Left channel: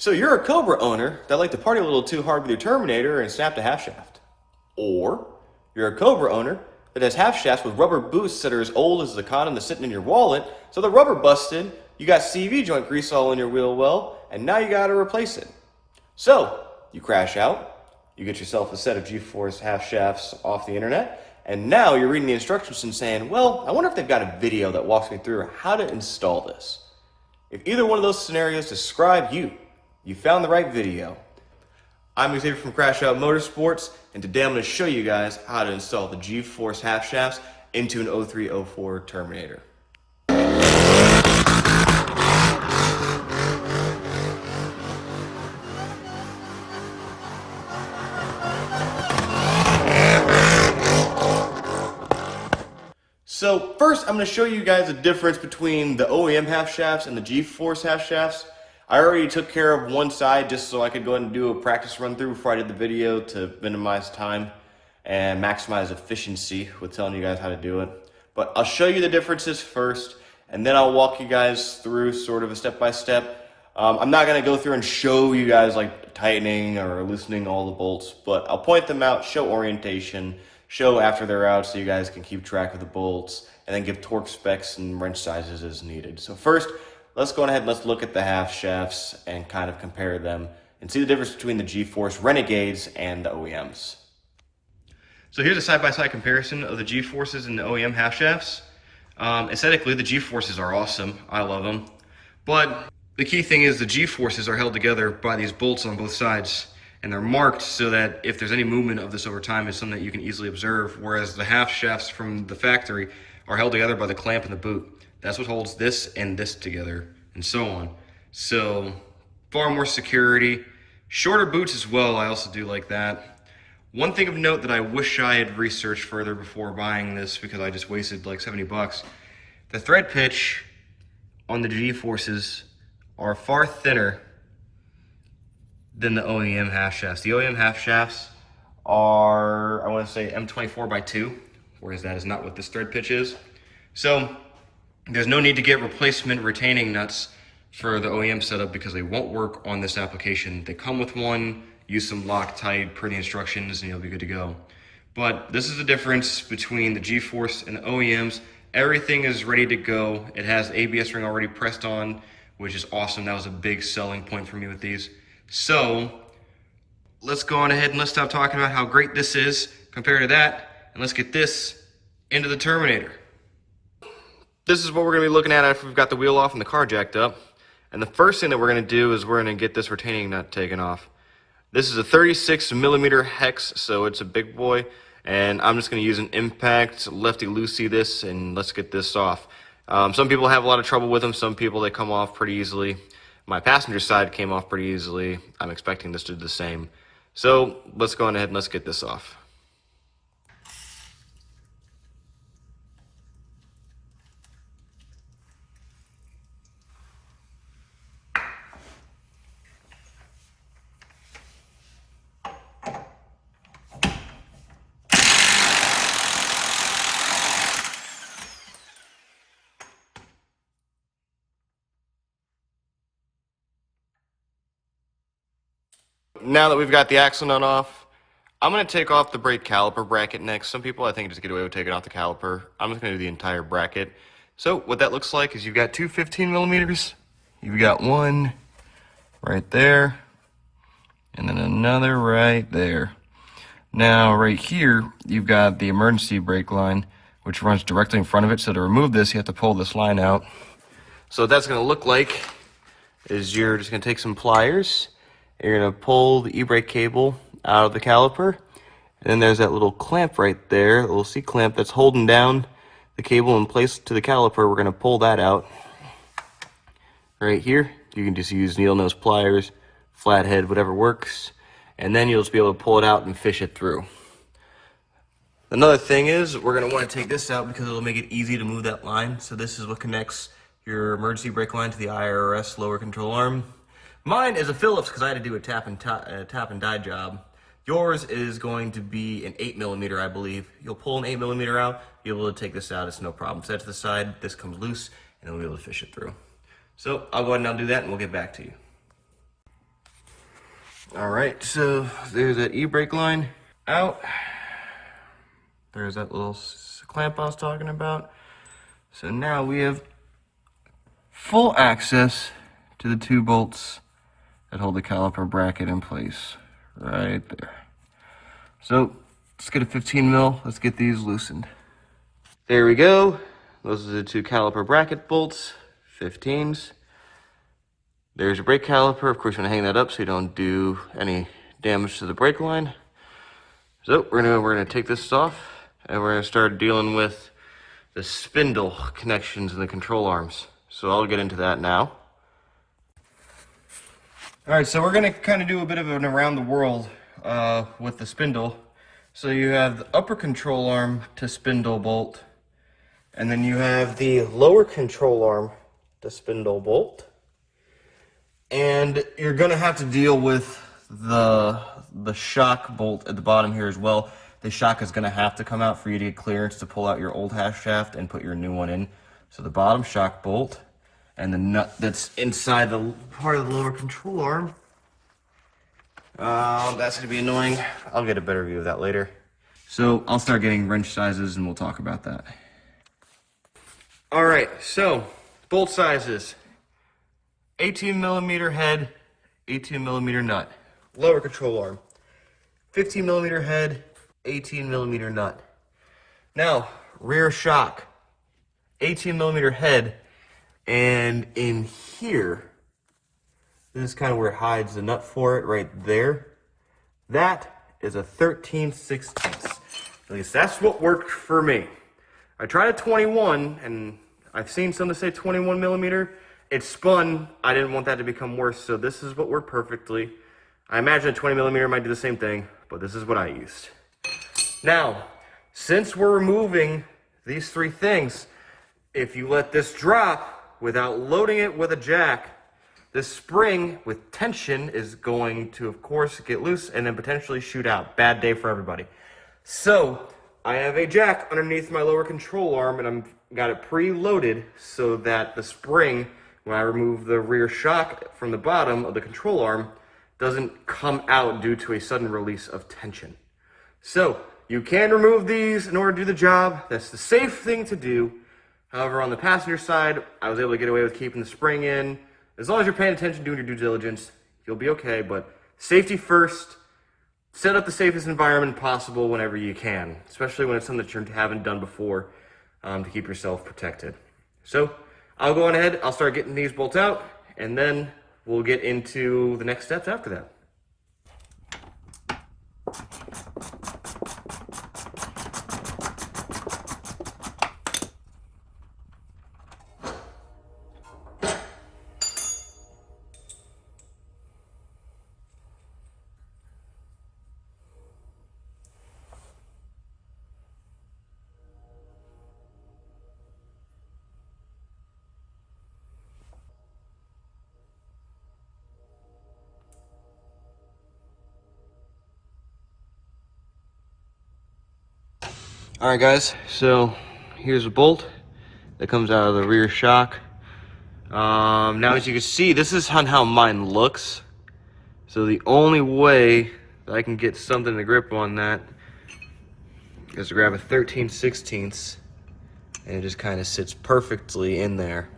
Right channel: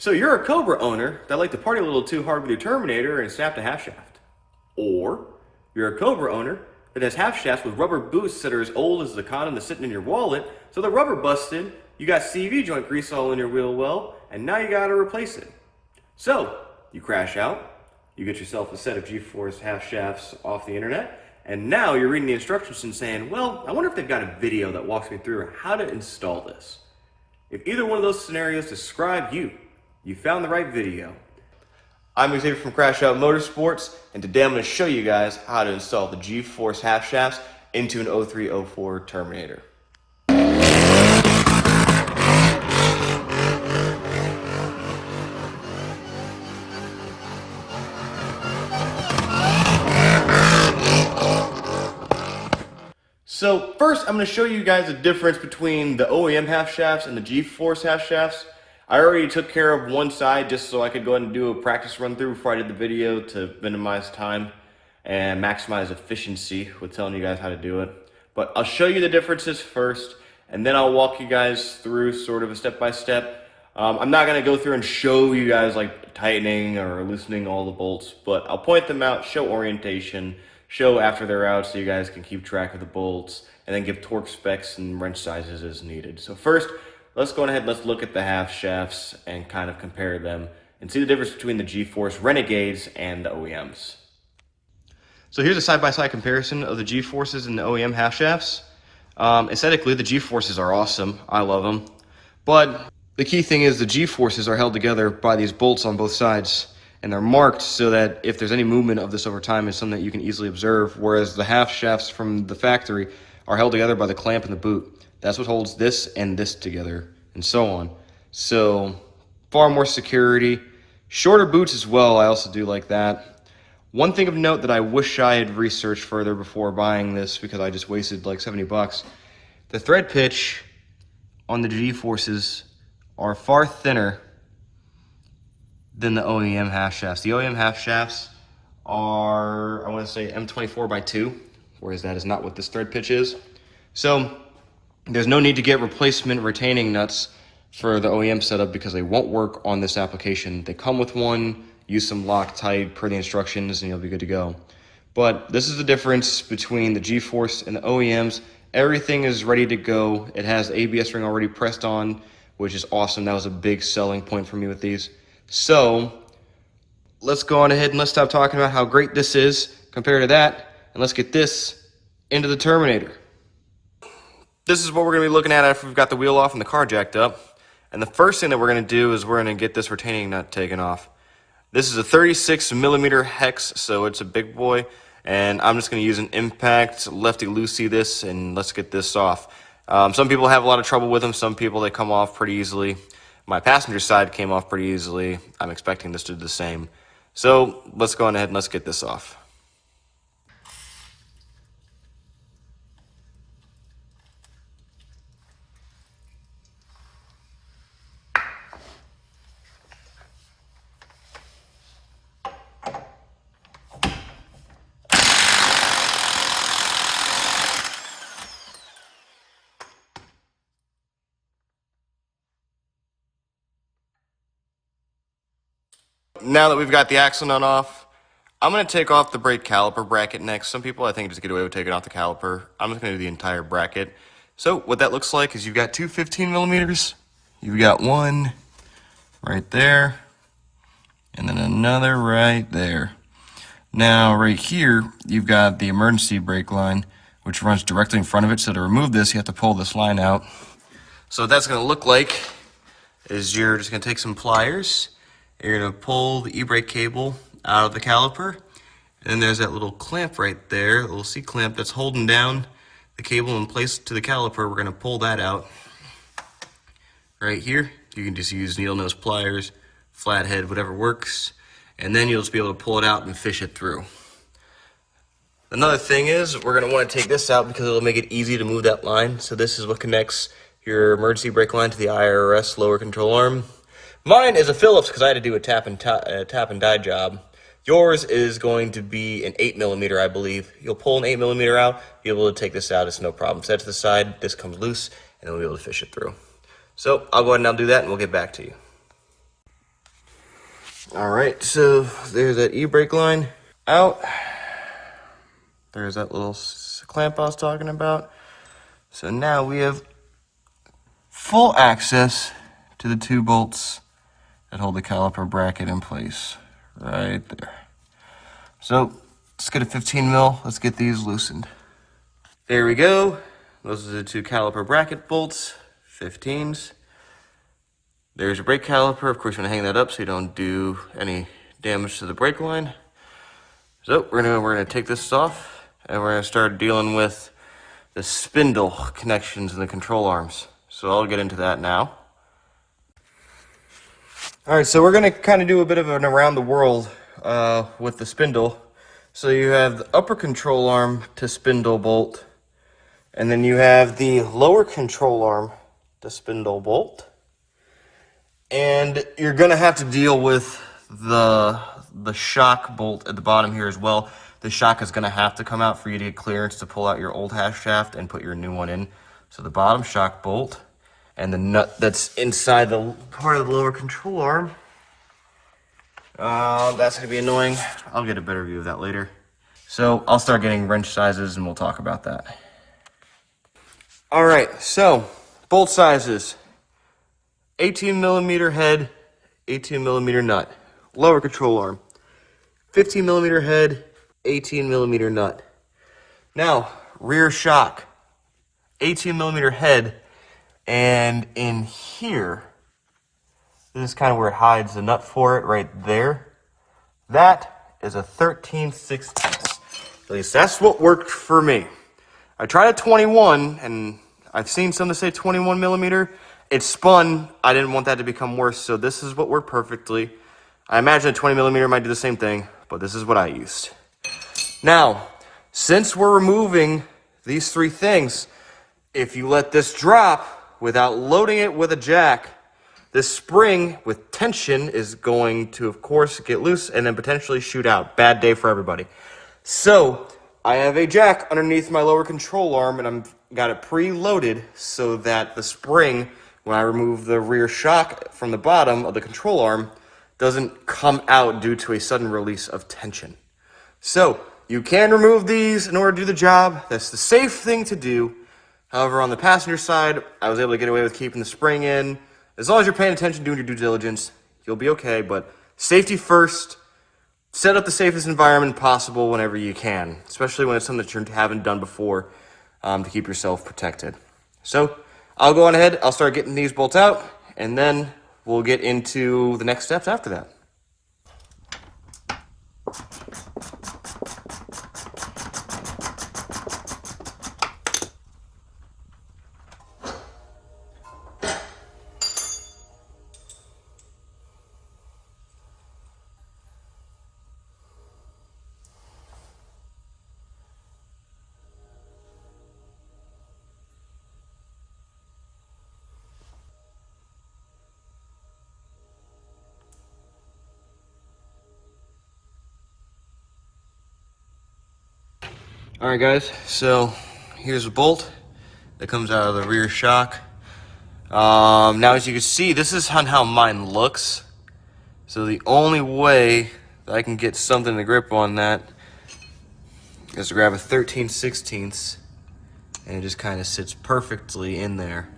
So you're a Cobra owner that like to party a little too hard with your Terminator and snapped a half shaft. Or you're a Cobra owner that has half shafts with rubber boosts that are as old as the condom that's sitting in your wallet, so the rubber busted, you got CV joint grease all in your wheel well, and now you gotta replace it. So you crash out, you get yourself a set of G Force half shafts off the internet, and now you're reading the instructions and saying, well, I wonder if they've got a video that walks me through how to install this. If either one of those scenarios describe you, you found the right video. I'm Xavier from Crash Out Motorsports, and today I'm going to show you guys how to install the G Force half shafts into an 0304 Terminator. So first, I'm going to show you guys the difference between the OEM half shafts and the G Force half shafts. I already took care of one side just so I could go ahead and do a practice run through before I did the video to minimize time and maximize efficiency with telling you guys how to do it. But I'll show you the differences first, and then I'll walk you guys through sort of a step-by-step. I'm not going to go through and show you guys like tightening or loosening all the bolts, but I'll point them out, show orientation, show after they're out so you guys can keep track of the bolts, and then give torque specs and wrench sizes as needed. So first, let's go ahead and let's look at the half shafts and kind of compare them and see the difference between the G Force Renegades and the OEMs. So here's a side-by-side comparison of the G Forces and the OEM half shafts. Aesthetically, the G Forces are awesome. I love them. But the key thing is the G Forces are held together by these bolts on both sides, and they're marked so that if there's any movement of this over time, it's something that you can easily observe, whereas the half shafts from the factory are held together by the clamp in the boot. That's what holds this and this together, and so on. So far more security. Shorter boots as well, I also do like that. One thing of note that I wish I had researched further before buying this, because I just wasted like 70 bucks. The thread pitch on the G Forces are far thinner than the OEM half shafts. The OEM half shafts are, I want to say M24 by 2, whereas that is not what this thread pitch is. So there's no need to get replacement retaining nuts for the OEM setup because they won't work on this application. They come with one, use some Loctite per the instructions, and you'll be good to go. But this is the difference between the G Force and the OEMs. Everything is ready to go. It has the ABS ring already pressed on, which is awesome. That was a big selling point for me with these. So let's go on ahead and let's stop talking about how great this is compared to that, and let's get this into the Terminator. This is what we're going to be looking at after we've got the wheel off and the car jacked up. And the first thing that we're going to do is we're going to get this retaining nut taken off. This is a 36 millimeter hex, so it's a big boy. And I'm just going to use an impact lefty-loosey this, and let's get this off. Some people have a lot of trouble with them. Some people, they come off pretty easily. My passenger side came off pretty easily. I'm expecting this to do the same. So let's go on ahead and let's get this off. Now that we've got the axle nut off, I'm going to take off the brake caliper bracket next. Some people, I think, just get away with taking off the caliper. I'm just going to do the entire bracket. So what that looks like is you've got two 15 millimeters. You've got one right there, and then another right there. Now, right here, you've got the emergency brake line, which runs directly in front of it. So to remove this, you have to pull this line out. So what that's going to look like is you're just going to take some pliers. You're going to pull the e-brake cable out of the caliper, and then there's that little clamp right there, a little C-clamp that's holding down the cable in place to the caliper. We're going to pull that out right here. You can just use needle nose pliers, flathead, whatever works, and then you'll just be able to pull it out and fish it through. Another thing is we're going to want to take this out because it'll make it easy to move that line. So this is what connects your emergency brake line to the IRS lower control arm. Mine is a Phillips because I had to do a tap and die job. Yours is going to be an 8 millimeter, I believe. You'll pull an 8 millimeter out, be able to take this out. It's no problem. Set it to the side. This comes loose, and then we'll be able to fish it through. So I'll go ahead and I'll do that, and we'll get back to you. All right, so there's that e-brake line out. There's that little clamp I was talking about. So now we have full access to the 2 bolts that hold the caliper bracket in place right there. So let's get a 15 mil. Let's get these loosened. There we go. Those are the 2 caliper bracket bolts, 15s. There's your brake caliper. Of course, you're gonna hang that up so you don't do any damage to the brake line. So we're gonna take this off and we're gonna start dealing with the spindle connections and the control arms. So I'll get into that now. All right, so we're gonna kind of do a bit of an around the world with the spindle. So you have the upper control arm to spindle bolt, and then you have the lower control arm to spindle bolt. And you're gonna have to deal with the shock bolt at the bottom here as well. The shock is gonna have to come out for you to get clearance to pull out your old Halfshaft and put your new one in. So the bottom shock bolt and the nut that's inside the part of the lower control arm. That's gonna be annoying. I'll get a better view of that later. So I'll start getting wrench sizes and we'll talk about that. All right, so bolt sizes. 18 millimeter head, 18 millimeter nut. Lower control arm. 15 millimeter head, 18 millimeter nut. Now, rear shock. 18 millimeter head, and in here, this is kind of where it hides the nut for it, right there. That is a 13/16. At least that's what worked for me. I tried a 21, and I've seen some that say 21 millimeter. It spun. I didn't want that to become worse, so this is what worked perfectly. I imagine a 20 millimeter might do the same thing, but this is what I used. Now, since we're removing these 3 things, if you let this drop without loading it with a jack, this spring with tension is going to, of course, get loose and then potentially shoot out. Bad day for everybody. So I have a jack underneath my lower control arm, and I've got it preloaded so that the spring, when I remove the rear shock from the bottom of the control arm, doesn't come out due to a sudden release of tension. So you can remove these in order to do the job. That's the safe thing to do. However, on the passenger side, I was able to get away with keeping the spring in. As long as you're paying attention, doing your due diligence, you'll be okay. But safety first. Set up the safest environment possible whenever you can, especially when it's something that you haven't done before, to keep yourself protected. So I'll go on ahead, I'll start getting these bolts out, and then we'll get into the next steps after that. All right, guys, so here's a bolt that comes out of the rear shock. Now, as you can see, this is how mine looks. So the only way that I can get something to grip on that is to grab a 13/16, and it just kind of sits perfectly in there.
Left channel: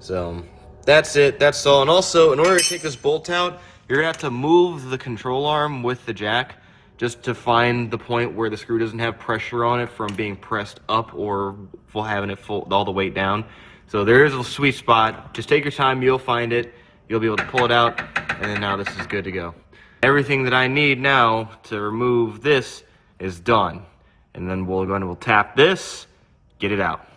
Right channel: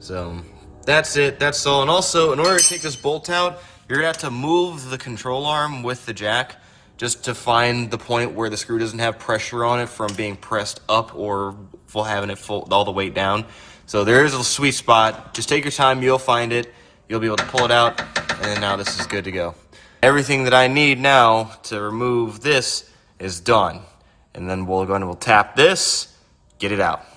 So that's it, that's all. And also, in order to take this bolt out, you're gonna have to move the control arm with the jack just to find the point where the screw doesn't have pressure on it from being pressed up or having it all the weight down. So there is a sweet spot. Just take your time, you'll find it. You'll be able to pull it out, and then now this is good to go. Everything that I need now to remove this is done. And then we'll tap this, get it out.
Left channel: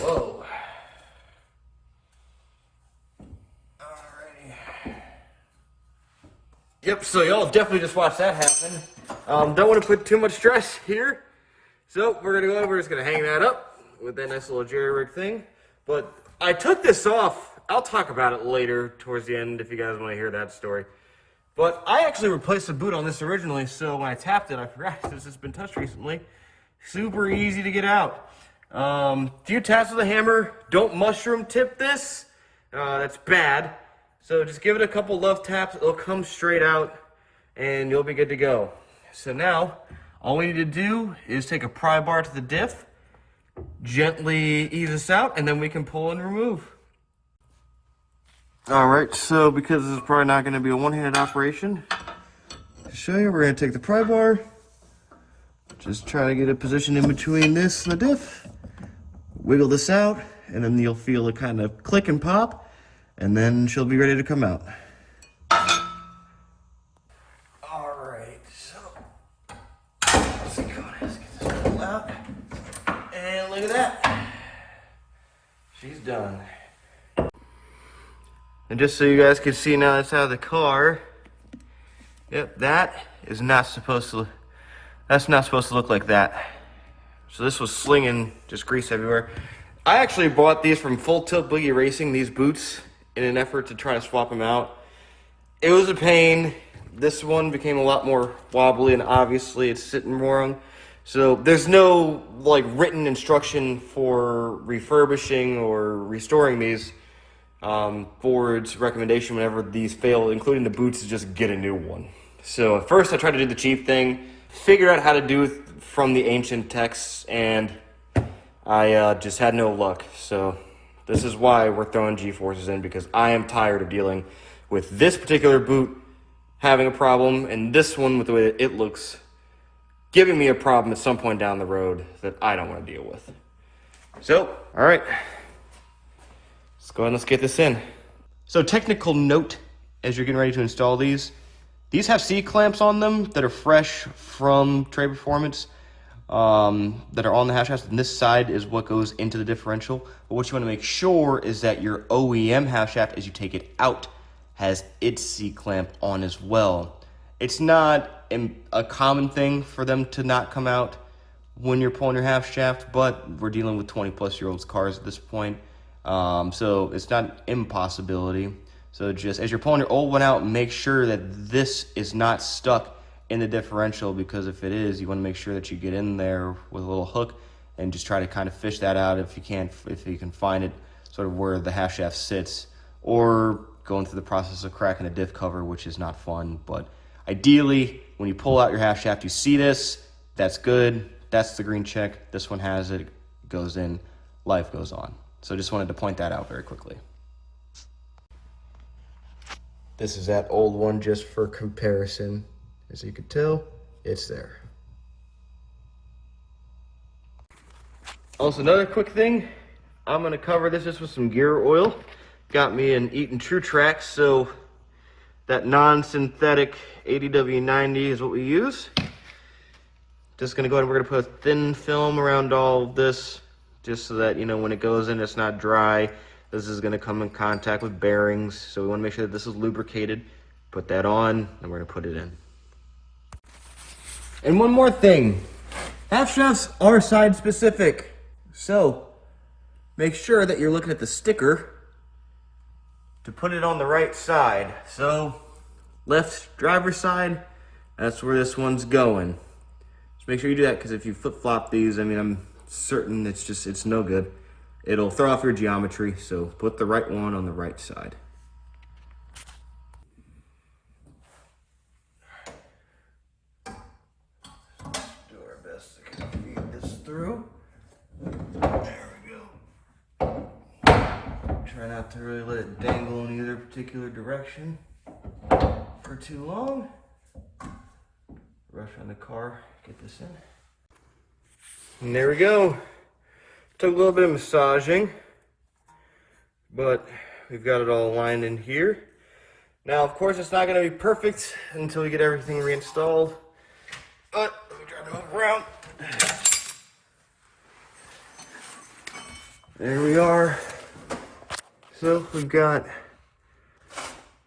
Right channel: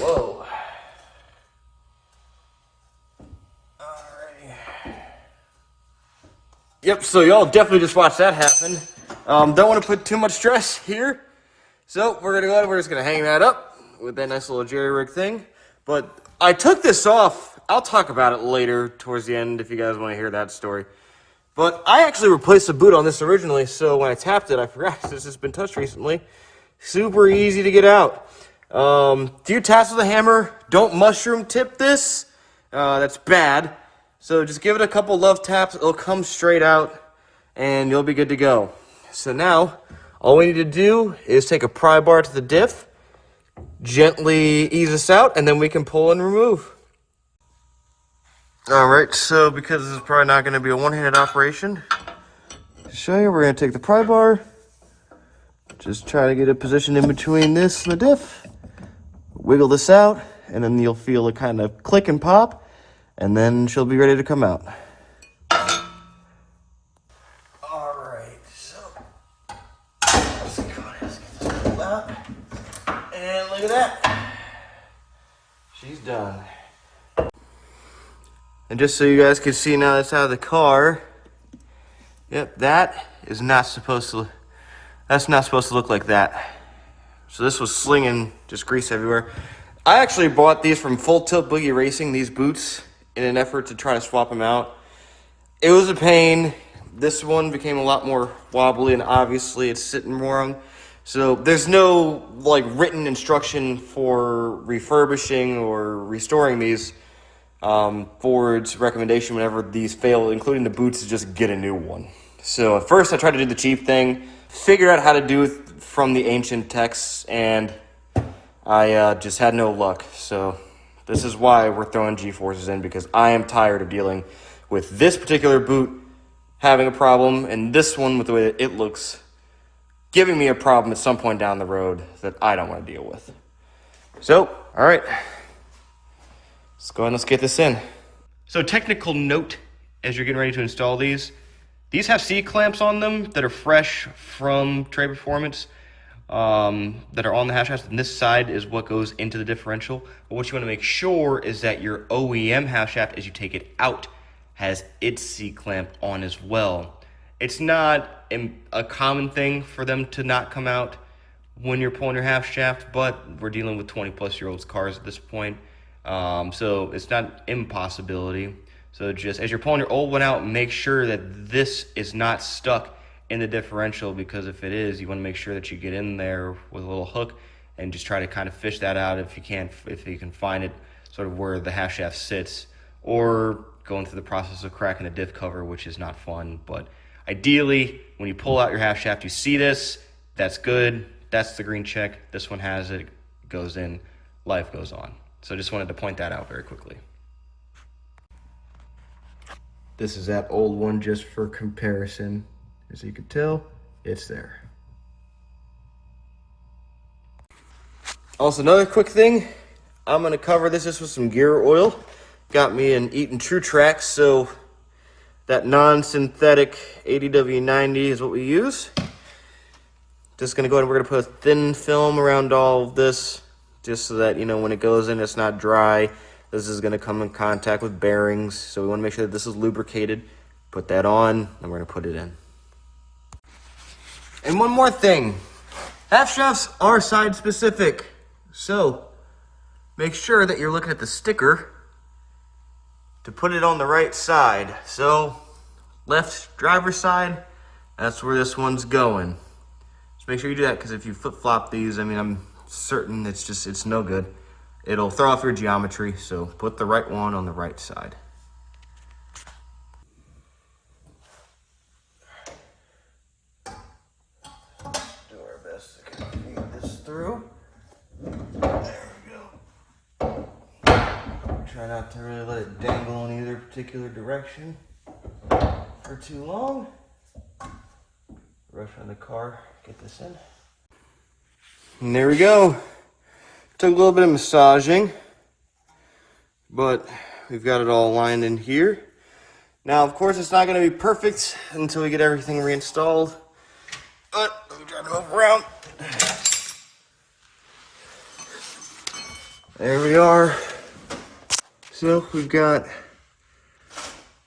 Whoa. Alrighty. Yep, so y'all definitely just watched that happen. Don't want to put too much stress here. So we're gonna go ahead, we're just gonna hang that up with that nice little jerry rig thing. But I took this off. I'll talk about it later towards the end if you guys want to hear that story. But I actually replaced the boot on this originally, so when I tapped it, I forgot this has been touched recently. Super easy to get out. Few taps with a hammer. Don't mushroom tip this. That's bad. So just give it a couple love taps. It'll come straight out, and you'll be good to go. So now, all we need to do is take a pry bar to the diff, gently ease this out, and then we can pull and remove. All right, so because this is probably not going to be a one-handed operation, to show you, we're going to take the pry bar, just try to get it positioned in between this and the diff, wiggle this out, and then you'll feel it kind of click and pop, and then she'll be ready to come out. All right, so let's go ahead and get this pulled out, and look at that, she's done. And just so you guys can see now that's out of the car, yep, that is not supposed to, that's not supposed to look like that. So this was slinging just grease everywhere. I actually bought these from Full Tilt Boogie Racing, these boots, in an effort to try to swap them out. It was a pain. This one became a lot more wobbly, and obviously it's sitting wrong. So there's no like written instruction for refurbishing or restoring these. Ford's recommendation whenever these fail, including the boots, is just get a new one. So at first I tried to do the teeth thing, figure out how to do it from the ancient texts, and I just had no luck. So this is why we're throwing G Forces in, because I am tired of dealing with this particular boot having a problem, and this one with the way that it looks giving me a problem at some point down the road that I don't want to deal with. So, all right. Let's go ahead and let's get this in. So technical note, as you're getting ready to install these have C-clamps on them that are fresh from Tre Performance, that are on the half shaft, and this side is what goes into the differential. But what you want to make sure is that your OEM half shaft, as you take it out, has its C-clamp on as well. It's not a common thing for them to not come out when you're pulling your half shaft, but we're dealing with 20-plus-year-old cars at this point. So it's not an impossibility. So just as you're pulling your old one out, make sure that this is not stuck in the differential, because if it is, you want to make sure that you get in there with a little hook and just try to kind of fish that out if you can find it sort of where the half shaft sits, or going through the process of cracking a diff cover, which is not fun. But ideally, when you pull out your half shaft, you see this, that's good, that's the green check, this one has it, goes in, life goes on. So just wanted to point that out very quickly. This is that old one just for comparison. As you can tell, it's there. Also, another quick thing, I'm gonna cover this with some gear oil. Got me an Eaton True Track, so that non-synthetic 80W90 is what we use. Just gonna go ahead and we're gonna put a thin film around all of this, just so that, you know, when it goes in, it's not dry. This is gonna come in contact with bearings, so we wanna make sure that this is lubricated. Put that on, and we're gonna put it in. And one more thing, half shafts are side specific, so make sure that you're looking at the sticker to put it on the right side. So left driver's side, that's where this one's going. Just make sure you do that, because if you flip-flop these, I mean, I'm certain it's no good. It'll throw off your geometry, so put the right one on the right side. Do our best to kind of feed this through. There we go. Try not to really let it dangle in either particular direction for too long. Rush on the car, get this in. And there we go. Took a little bit of massaging, but we've got it all lined in here. Now, of course, it's not going to be perfect until we get everything reinstalled. But let me try to move around. There we are. So we've got,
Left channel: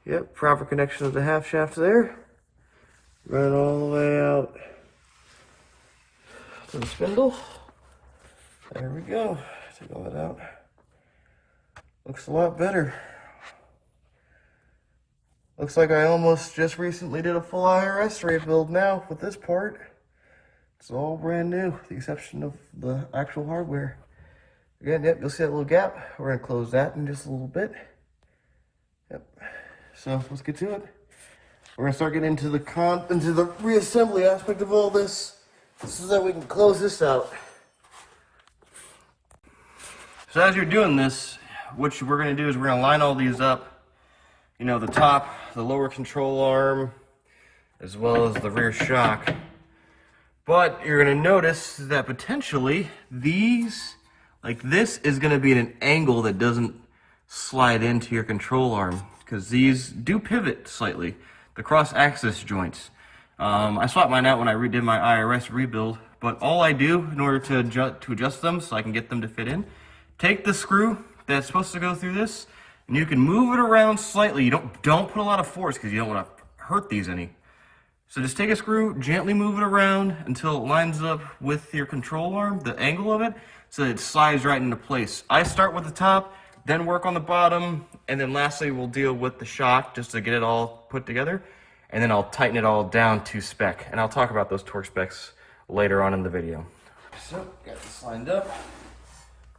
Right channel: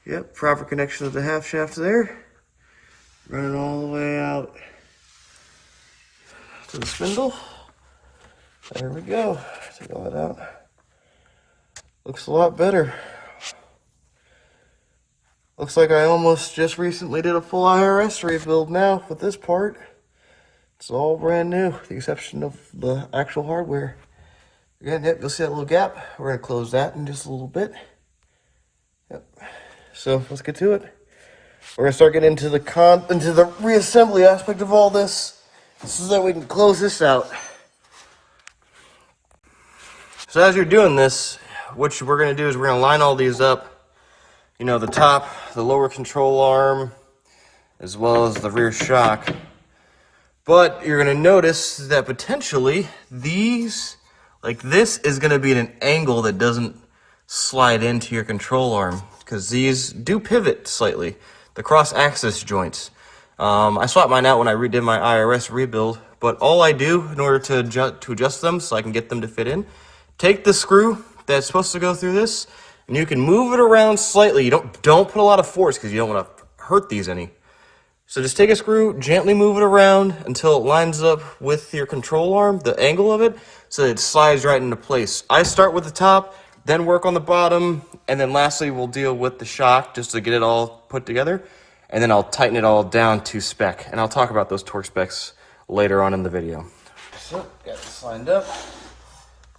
yep, proper connection of the half shaft there. Run all the way out to the spindle. There we go. Take all that out. Looks a lot better. Looks like I almost just recently did a full IRS rebuild now with this part. It's all brand new, with the exception of the actual hardware. Again, yep, you'll see that little gap. We're gonna close that in just a little bit. Yep. So let's get to it. We're gonna start getting into the reassembly aspect of all this, so that we can close this out. So as you're doing this, what we're gonna do is we're gonna line all these up. You know, the top, the lower control arm, as well as the rear shock. But you're gonna notice that potentially these, like this, is gonna be at an angle that doesn't slide into your control arm, because these do pivot slightly, the cross-axis joints. I swapped mine out when I redid my IRS rebuild, but all I do in order to adjust them so I can get them to fit in, take the screw that's supposed to go through this, and you can move it around slightly. You don't put a lot of force because you don't want to hurt these any. So just take a screw, gently move it around until it lines up with your control arm, the angle of it, so that it slides right into place. I start with the top, then work on the bottom, and then lastly we'll deal with the shock just to get it all put together, and then I'll tighten it all down to spec, and I'll talk about those torque specs later on in the video. So, got this lined up.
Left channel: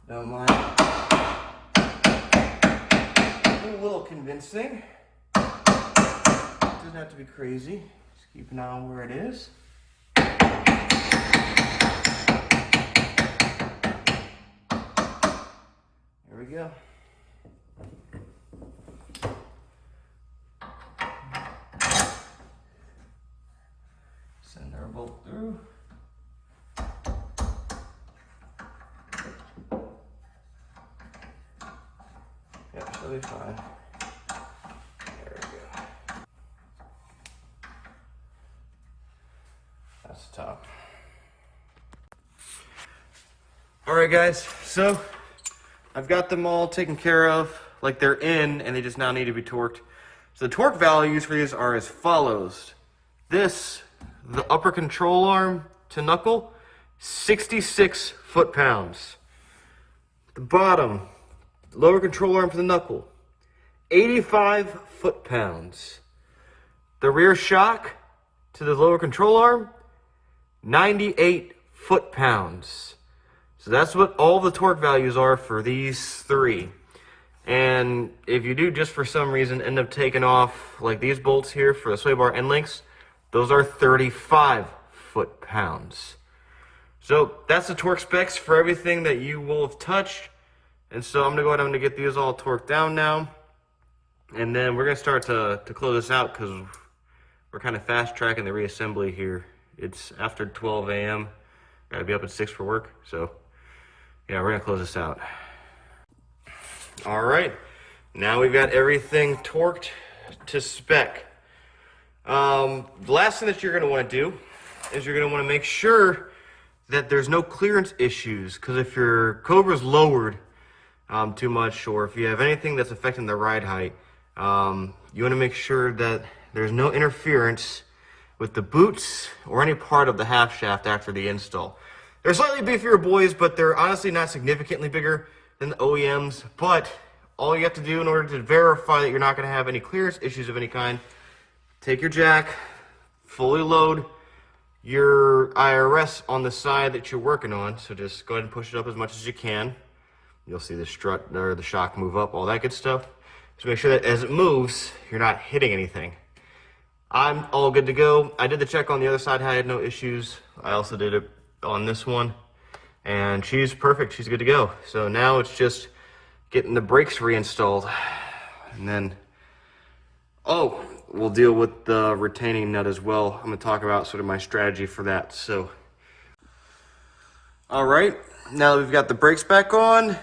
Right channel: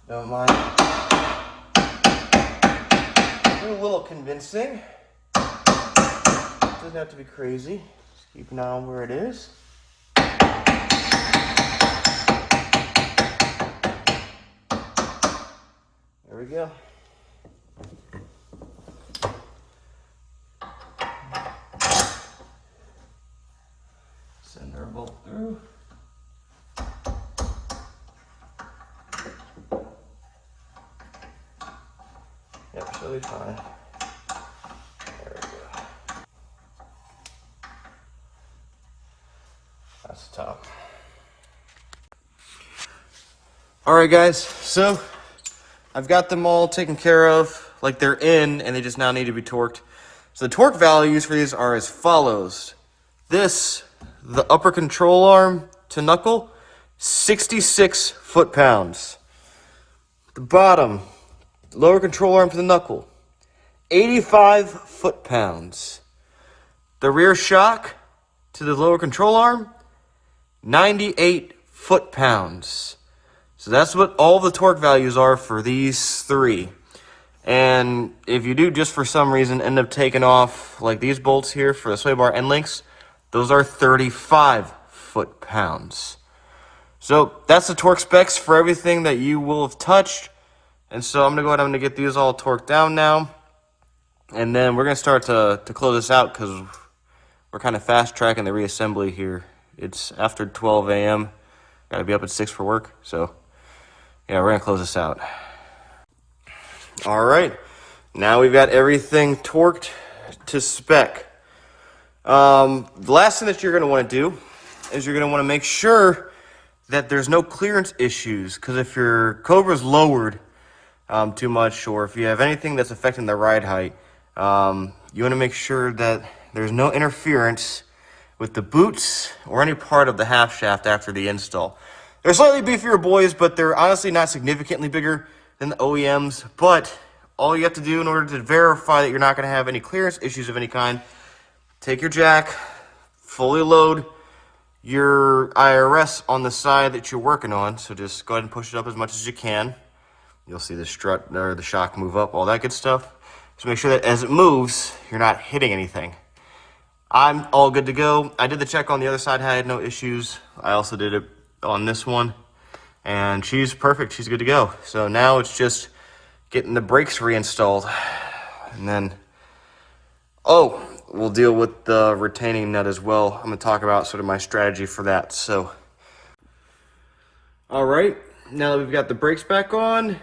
Don't mind. A little convincing. Doesn't have to be crazy. Just keep an eye on where it is. There we go. Send our bolt through. Yep, should be fine. There we go. That's the top. Alright guys, so I've got them all taken care of, like they're in, and they just now need to be torqued. So the torque values for these are as follows. This, the upper control arm to knuckle, 66 foot-pounds. The bottom, lower control arm to the knuckle, 85 foot-pounds. The rear shock to the lower control arm, 98 foot-pounds. So that's what all the torque values are for these three. And if you do just for some reason end up taking off like these bolts here for the sway bar end links, those are 35 foot-pounds. So that's the torque specs for everything that you will have touched. And so I'm gonna go ahead, I'm gonna get these all torqued down now. And then we're gonna start to close this out because we're kind of fast tracking the reassembly here. It's after 12 a.m. Gotta be up at 6 for work. So yeah, we're gonna close this out. All right, now we've got everything torqued to spec. The last thing that you're gonna wanna do is you're gonna wanna make sure that there's no clearance issues, because if your Cobra's lowered too much, or if you have anything that's affecting the ride height, you wanna make sure that there's no interference with the boots or any part of the half shaft after the install. They're slightly beefier boys, but they're honestly not significantly bigger than the OEMs. But all you have to do in order to verify that you're not going to have any clearance issues of any kind, take your jack, fully load your IRS on the side that you're working on. So just go ahead and push it up as much as you can. You'll see the strut or the shock move up, all that good stuff. Just make sure that as it moves, you're not hitting anything. I'm all good to go. I did the check on the other side, I had no issues. I also did it on this one, and she's perfect, she's good to go. So now it's just getting the brakes reinstalled, and then, oh, we'll deal with the retaining nut as well. I'm gonna talk about sort of my strategy for that. So, all right, now that we've got the brakes back on,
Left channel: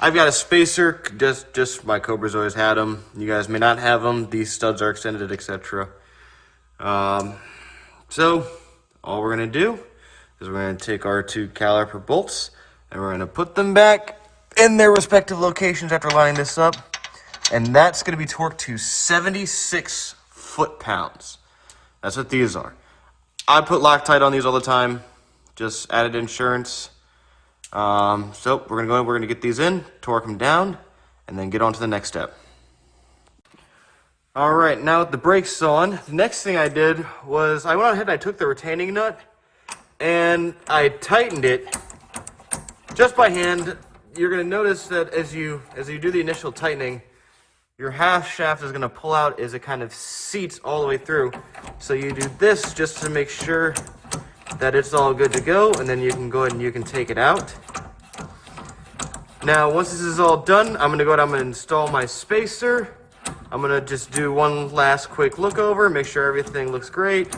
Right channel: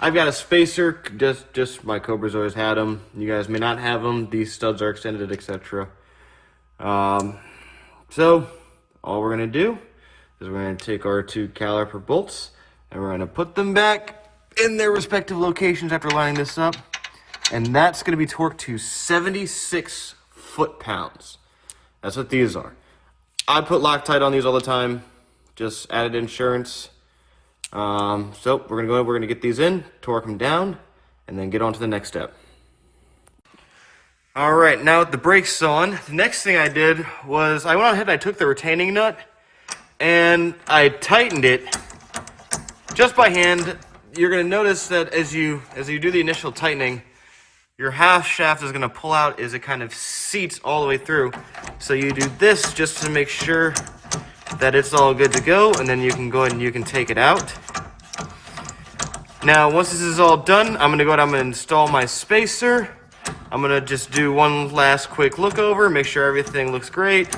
I've got a spacer, just my Cobra's always had them. You guys may not have them. These studs are extended, etc. So all we're gonna do is we're gonna take our two caliper bolts and we're gonna put them back in their respective locations after lining this up. And that's gonna be torqued to 76 foot-pounds. That's what these are. I put Loctite on these all the time, just added insurance. So we're gonna get these in, torque them down, and then get on to the next step. All right, now with the brakes on, the next thing I did was I went ahead and I took the retaining nut and I tightened it just by hand. You're gonna notice that as you do the initial tightening, your half shaft is gonna pull out as it kind of seats all the way through. So you do this just to make sure that it's all good to go, and then you can go ahead and you can take it out. Now, once this is all done, I'm gonna install my spacer. I'm gonna just do one last quick look over, make sure everything looks great,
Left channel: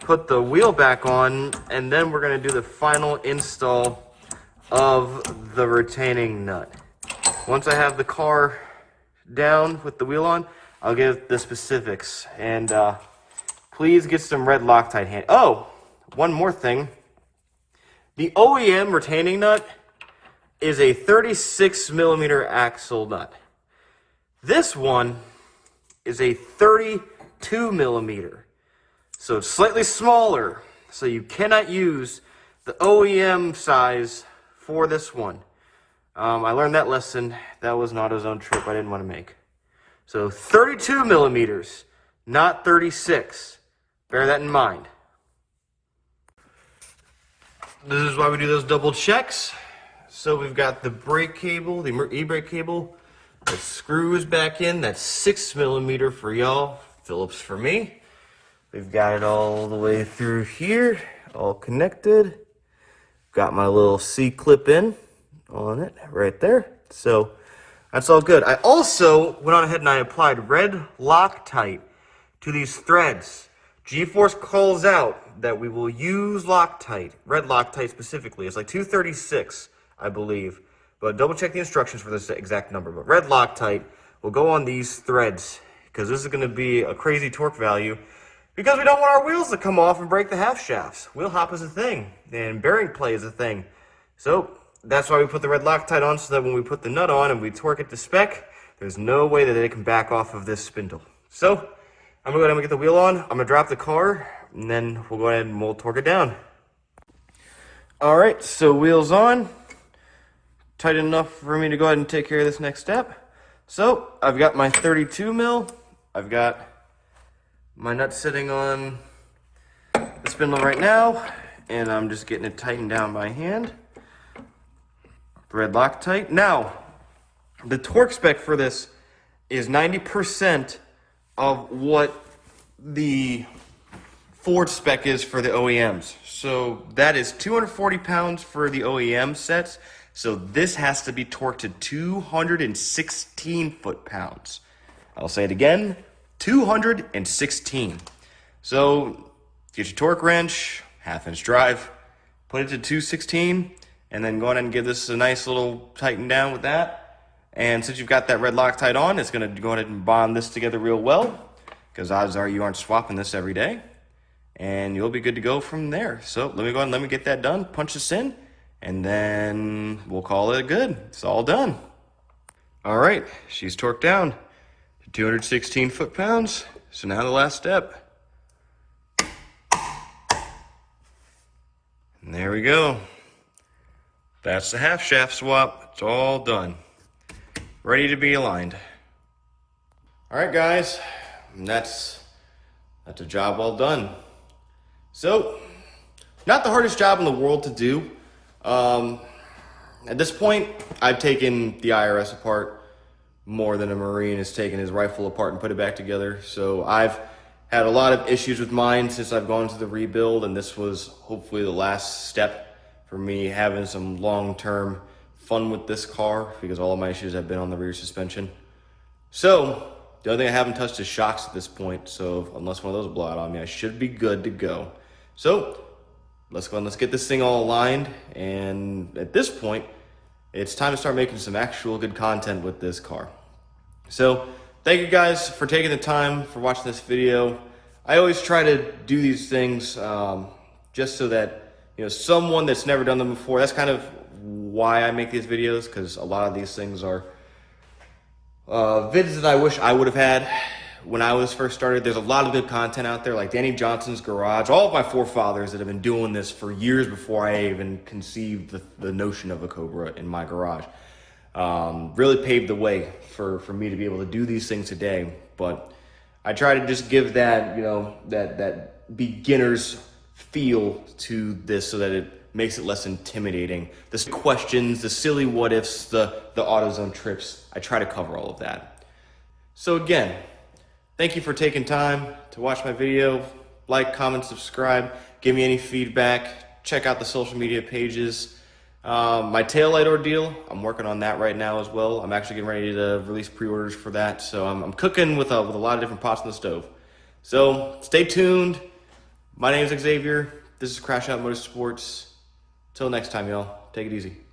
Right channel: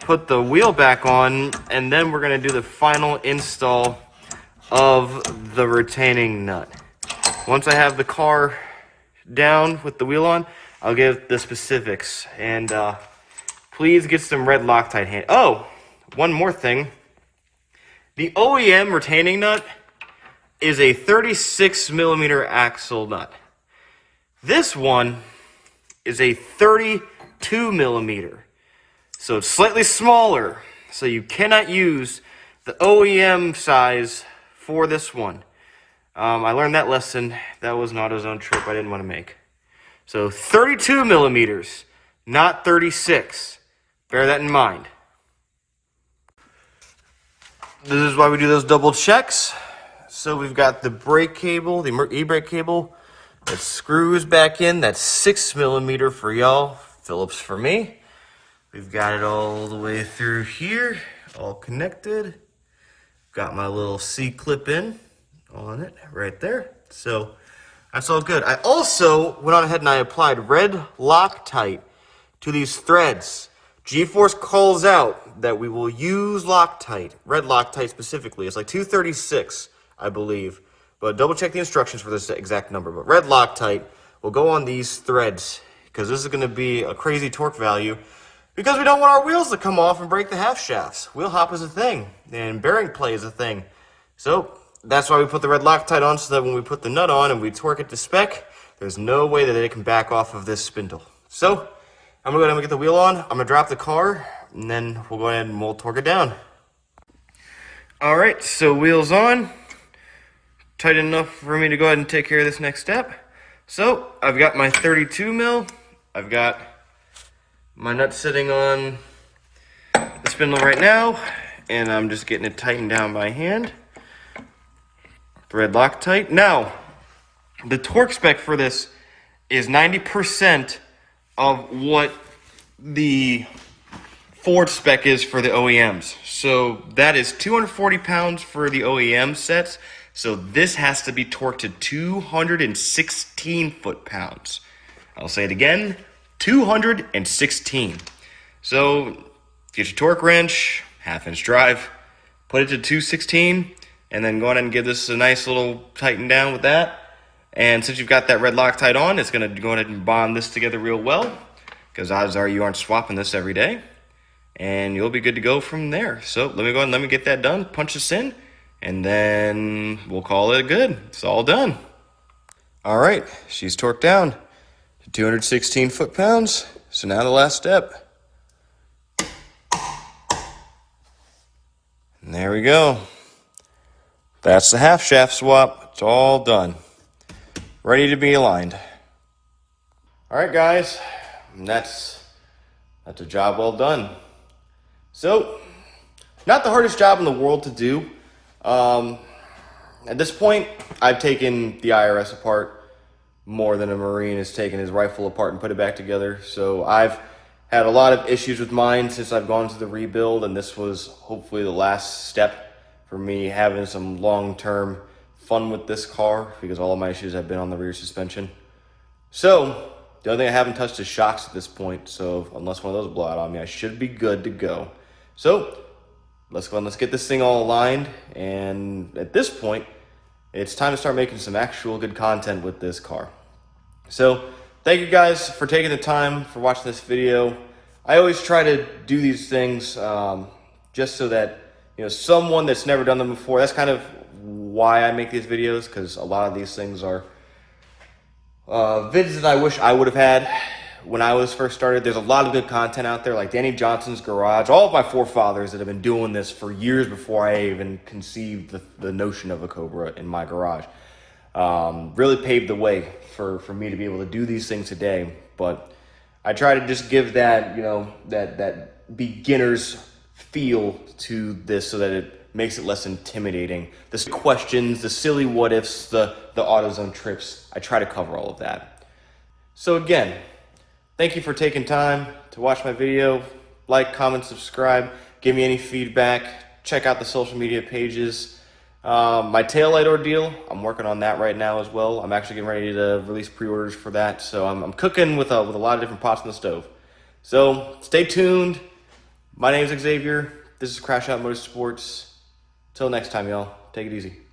put the wheel back on, and then we're gonna do the final install of the retaining nut. Once I have the car down with the wheel on, I'll give the specifics. And please get some red Loctite hand. Oh, one more thing. The OEM retaining nut is a 36 millimeter axle nut. This one is a 32 millimeter. So it's slightly smaller. So you cannot use the OEM size for this one. I learned that lesson. That was an AutoZone trip I didn't want to make. So 32 millimeters, not 36. Bear that in mind. This is why we do those double checks. So we've got the brake cable, the e-brake cable, that screws back in. That's 6 millimeter for y'all, Phillips for me. We've got it all the way through here, all connected. Got my little C-clip in on it right there. So that's all good. I also went on ahead and I applied red Loctite to these threads. G Force calls out that we will use Loctite, red Loctite specifically. It's like 236, I believe. But double check the instructions for this exact number. But red Loctite will go on these threads because this is going to be a crazy torque value because we don't want our wheels to come off and break the half shafts. Wheel hop is a thing and bearing play is a thing. So that's why we put the red Loctite on, so that when we put the nut on and we torque it to spec, there's no way that it can back off of this spindle. So I'm going to go ahead and get the wheel on. I'm going to drop the car and then we'll go ahead and we'll torque it down. All right, so wheels on. Tight enough for me to go ahead and take care of this next step. So I've got my 32 mil. I've got my nut sitting on the spindle right now, and I'm just getting it tightened down by hand. Thread Loctite. Now, the torque spec for this is 90% of what the Ford spec is for the OEMs. So that is 240 pounds for the OEM sets. So this has to be torqued to 216 foot-pounds. I'll say it again, 216. So get your torque wrench, half-inch drive, put it to 216, and then go ahead and give this a nice little tighten down with that. And since you've got that red Loctite on, it's going to go ahead and bond this together real well, because odds are you aren't swapping this every day. And you'll be good to go from there. So let me go ahead and let me get that done, punch this in, and then we'll call it good. It's all done. All right, she's torqued down to 216 foot-pounds. So now the last step. And there we go. That's the half shaft swap. It's all done. Ready to be aligned. All right, guys, that's a job well done. So, not the hardest job in the world to do. At this point, I've taken the IRS apart more than a Marine has taken his rifle apart and put it back together. So I've had a lot of issues with mine since I've gone through the rebuild, and this was hopefully the last step for me having some long-term fun with this car, because all of my issues have been on the rear suspension. So the only thing I haven't touched is shocks at this point. So unless one of those blow out on me, I should be good to go. So let's go and let's get this thing all aligned. And at this point, it's time to start making some actual good content with this car. So thank you guys for taking the time for watching this video. I always try to do these things just so that, you know, someone that's never done them before, that's kind of why I make these videos, because a lot of these things are vids that I wish I would have had when I was first started. There's a lot of good content out there, like Danny Johnson's Garage, all of my forefathers that have been doing this for years before I even conceived the notion of a Cobra in my garage. Really paved the way for me to be able to do these things today. But I try to just give that, you know, that beginner's feel to this so that it makes it less intimidating. The questions, the silly what ifs, the AutoZone trips, I try to cover all of that. So again, thank you for taking time to watch my video. Like, comment, subscribe, give me any feedback, check out the social media pages. My taillight ordeal, I'm working on that right now as well. I'm actually getting ready to release pre-orders for that. So I'm cooking with a lot of different pots on the stove. So stay tuned. My name is Xavier. This is Crash Out Motorsports. Till next time, y'all. Take it easy.